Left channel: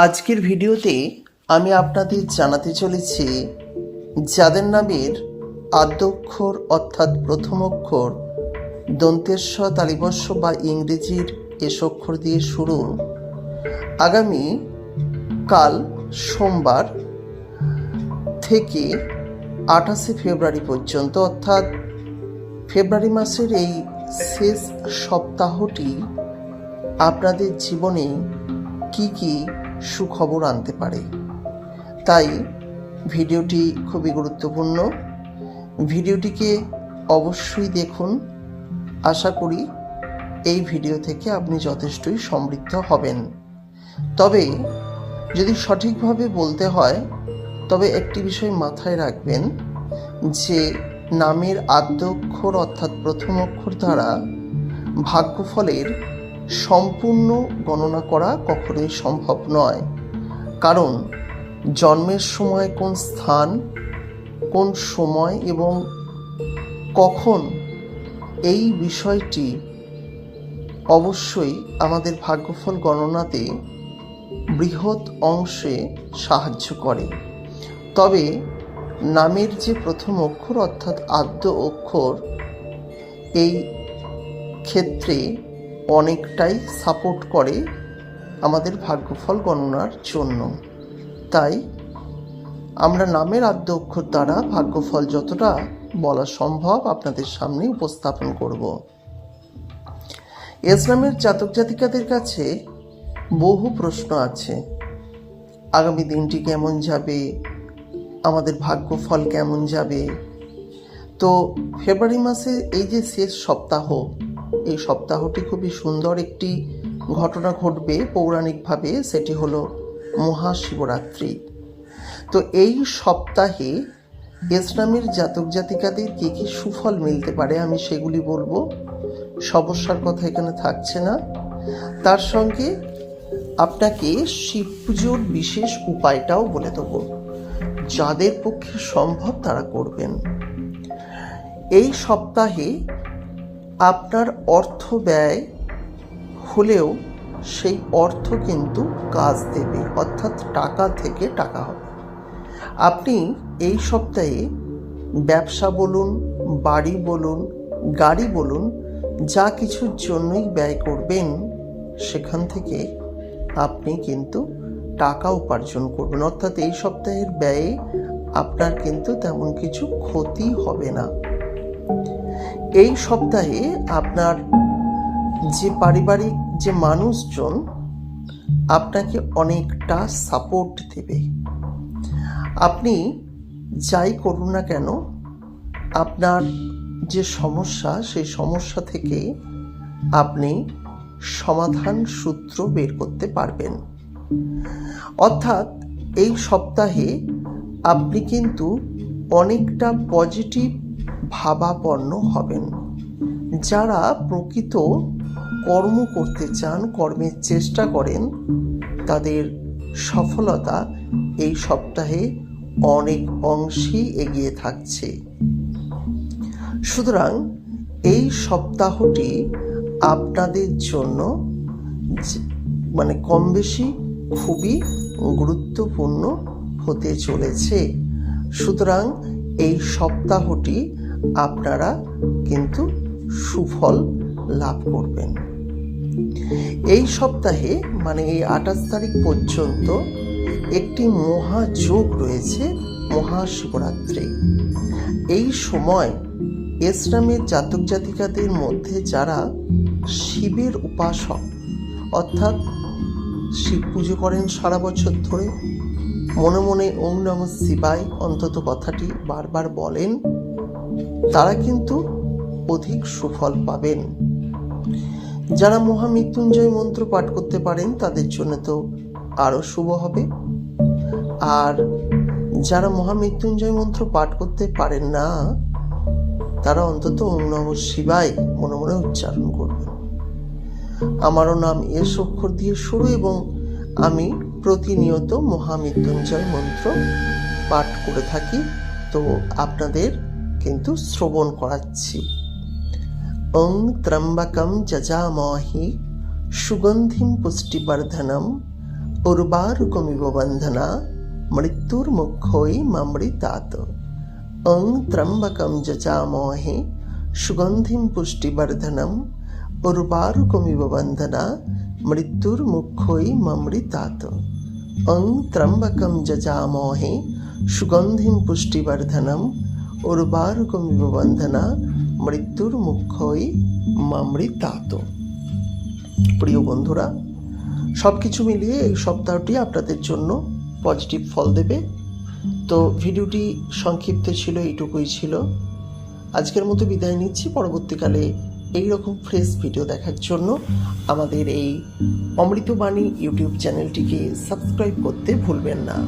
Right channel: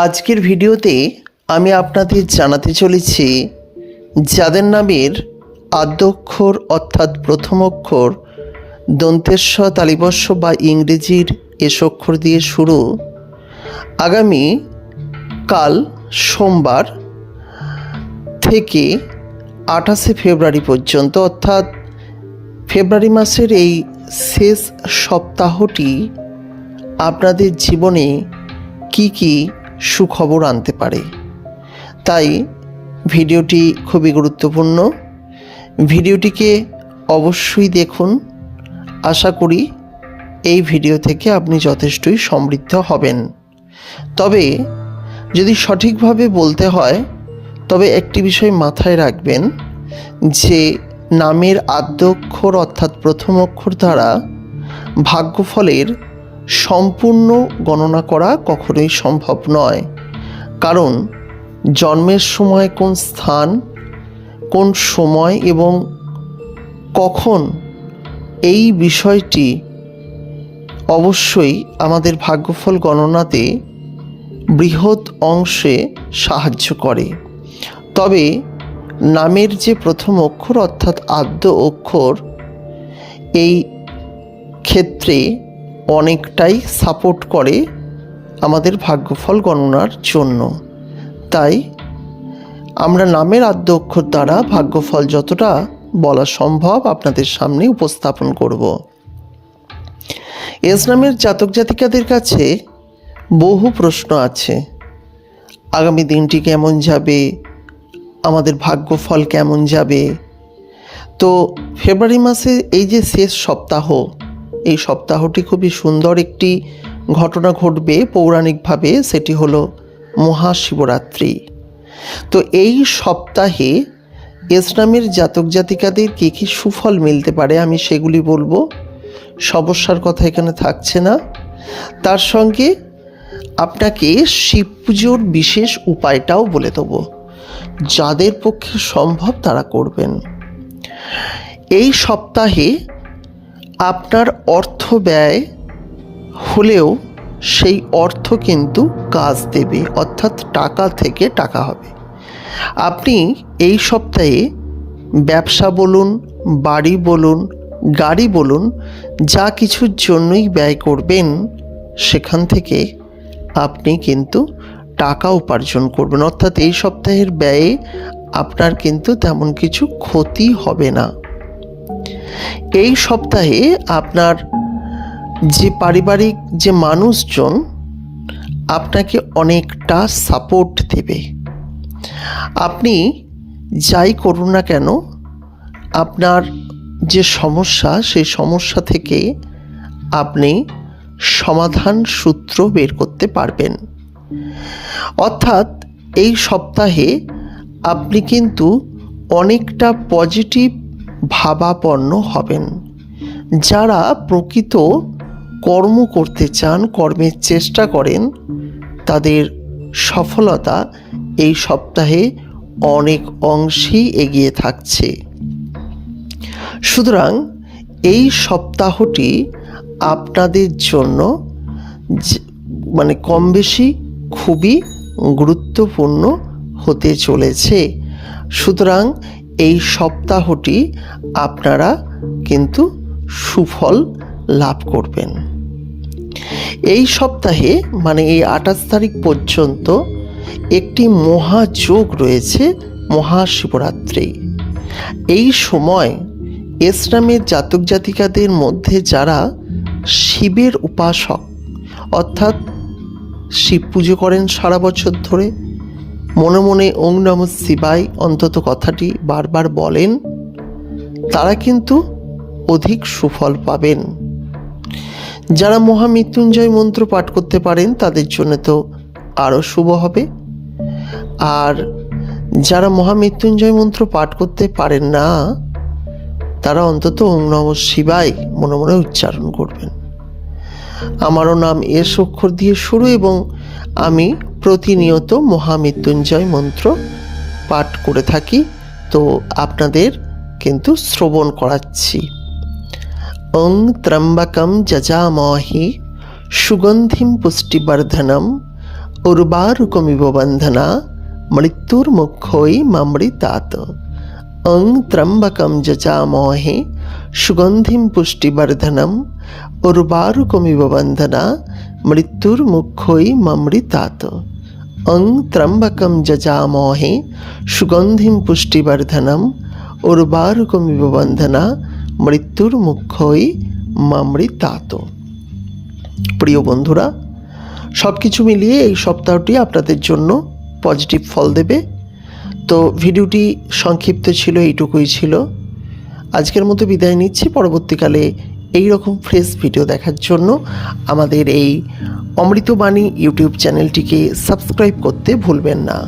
আজকের ভিডিওতে আমি আপনাদের জানাতে চলেছি, যাদের নামের আদ্যক্ষর অর্থাৎ প্রথম অক্ষর দন্তেস্ব তালিবস্য বা ইংরেজির এস অক্ষর দিয়ে শুরু। আগামী কাল সোমবার থেকে আঠাশে ফেব্রুয়ারি পর্যন্ত, অর্থাৎ ফেব্রুয়ারি মাসের এই শেষ সপ্তাহটি আপনাদের জীবনে কি কি সুখবর আনতে পারে। তাই ভিডিওটি খুবই গুরুত্বপূর্ণ। ভিডিওটিকে অবশ্যই দেখুন। আশা করি এই ভিডিও থেকে আপনি যথেষ্টই সমৃদ্ধ হবেন। তবে যদি সঠিকভাবে বলতে হয়, তবে একটি বিষয় মাথায় রাখবেন যে নামের আদ্যক্ষর অর্থাৎ প্রথম অক্ষর দ্বারা ভাগ্যফলের সম্পূর্ণ গণনা করা কখনোই সম্ভব নয়। কারণ জন্মের সময় কোন স্থান, কোন সময় এবং কখন এই বিষয়টি অবশ্যই আমাদের ভাগ্যফল গণনাতে বৃহৎ অংশে সাহায্য করে। তবে নামের যে প্রথম অক্ষর অর্থাৎ আদ্য অক্ষর এই ক্ষেত্রে অনেকটাই সাপোর্ট করে আমাদের ভাগ্যফল গণনার জন্য। তাই আমরা নামের আদ্য অক্ষর দ্বারা ভাগ্যফল যতটা বলা সম্ভব আপনাদের সামনে উপস্থাপন করব। এস নামের জাতক জাতিকাদের কাছে বহু প্রশ্ন আছে। আগামী দিনটি কেমন যাবে? আমাদের ভাগ্যফল কেমন যাবে? তো ফেব্রুয়ারি মাসে এই যে শেষ সপ্তাহ এই সপ্তাহটি খুবই সুন্দর একটি ঘটনা ঘটবে পৌরাণিকভাবে, সেটি হলো মহাশিবরাত্রি। তো এই সপ্তাহে ইসলামের জাতক জাতিকাদের কী কী সুফল মিলতে পারে আমি সেগুলি বলব। সমস্যার কথা এখানে থাকছে না। তার সঙ্গে আপনাকে শিব পুজোর বিশেষ উপায়টাও বলে দেবো। যাদের পক্ষে সম্ভব তারা করবেন। এই সপ্তাহে আপনার অর্থ ব্যয় হলেও সেই অর্থ কিন্তু কাজ দেবে, অর্থাৎ টাকা থেকে টাকা হবে। আপনি এই সপ্তাহে ব্যবসা বলুন, বাড়ি বলুন, গাড়ি বলুন, যা কিছুর জন্যই ব্যয় করবেন, সেখান থেকে আপনি কিন্তু টাকা উপার্জন করবেন। অর্থাৎ এই সপ্তাহের ব্যয়ে আপনার কিন্তু তেমন কিছু ক্ষতি হবে না। এই সপ্তাহে আপনার যে পারিবারিক যে মানুষজন আপনাকে অনেকটা সাপোর্ট দেবে। আপনি যাই করুন না কেন, আপনার যে সমস্যা, সেই সমস্যা থেকে আপনি সমাধান সূত্র বের করতে পারবেন। অর্থাৎ এই সপ্তাহে আপনি কিন্তু অনেকটা পজিটিভ ভাবাপন্ন হবেন। যারা প্রকৃত কর্ম করতে চান, কর্মের চেষ্টা করেন, তাদের সফলতা এই সপ্তাহে অনেক অংশেই এগিয়ে থাকছে। সুতরাং এই সপ্তাহটি আপনাদের জন্য মানে কম বেশি খুবই গুরুত্বপূর্ণ হতে চলেছে। সুতরাং এই সপ্তাহটি আপনারা কিন্তু সুফল লাভ করবেন। এই সপ্তাহে মানে এই আঠাশ তারিখ পর্যন্ত একটি মহাযোগ রয়েছে, মহাশিবরাত্রি। এই সময় ইসলামের জাতক জাতিকাদের মধ্যে যারা শিবের উপাসক, অর্থাৎ শিব পুজো করেন সারা বছর ধরে মনে মনে ওং নম শিবায় অন্তত কথাটি বারবার বলেন, তারা কিন্তু অধিক সুফল পাবেন। যারা মহামৃত্যুঞ্জয় মন্ত্র পাঠ করতে পারেন, তাদের জন্য তো আরও শুভ হবে। আর যারা মহামৃত্যুঞ্জয় মন্ত্র পাঠ করতে পারেন না, তারা অন্তত ওং নম শিবায় মনে মনে উচ্চারণ করবেন। আমারও নাম এস অক্ষর দিয়ে শুরু এবং আমি প্রতিনিয়ত মহামৃত্যুঞ্জয় মন্ত্র পাঠ করে থাকি, তো আপনাদের কিন্তু শ্রবণ করাচ্ছি। ওং ত্রম্বকম যজামহি সুগন্ধিম পুষ্টিবর্ধনম উর্বারুকমিব বন্ধনা মৃত্যুর্মুক্ষই মামৃতাত অং ত্রম্বকম যচামহে সুগন্ধিম পুষ্টিবর্ধনম উর্বারুকমিব বন্ধনা মৃত্যুর্মুক্ষই মামৃতাত অং ত্রম্বকম যজামহে সুগন্ধিম পুষ্টিবর্ধনম উর্বারুকমিব বন্ধনা মৃত্যুর মুখ্যই মামৃতাত প্রিয় বন্ধুরা সব কিছু মিলিয়ে এই সপ্তাহটি আপনাদের জন্য পজিটিভ ফল দেবে। তো ভিডিওটি সংক্ষিপ্ত ছিল, এইটুকুই ছিল। আজকের মতো বিদায় নিচ্ছি। পরবর্তীকালে এই রকম ফ্রেশ ভিডিও দেখার জন্য আমাদের এই অমৃতবাণী ইউটিউব চ্যানেলটিকে সাবস্ক্রাইব করতে ভুলবেন না।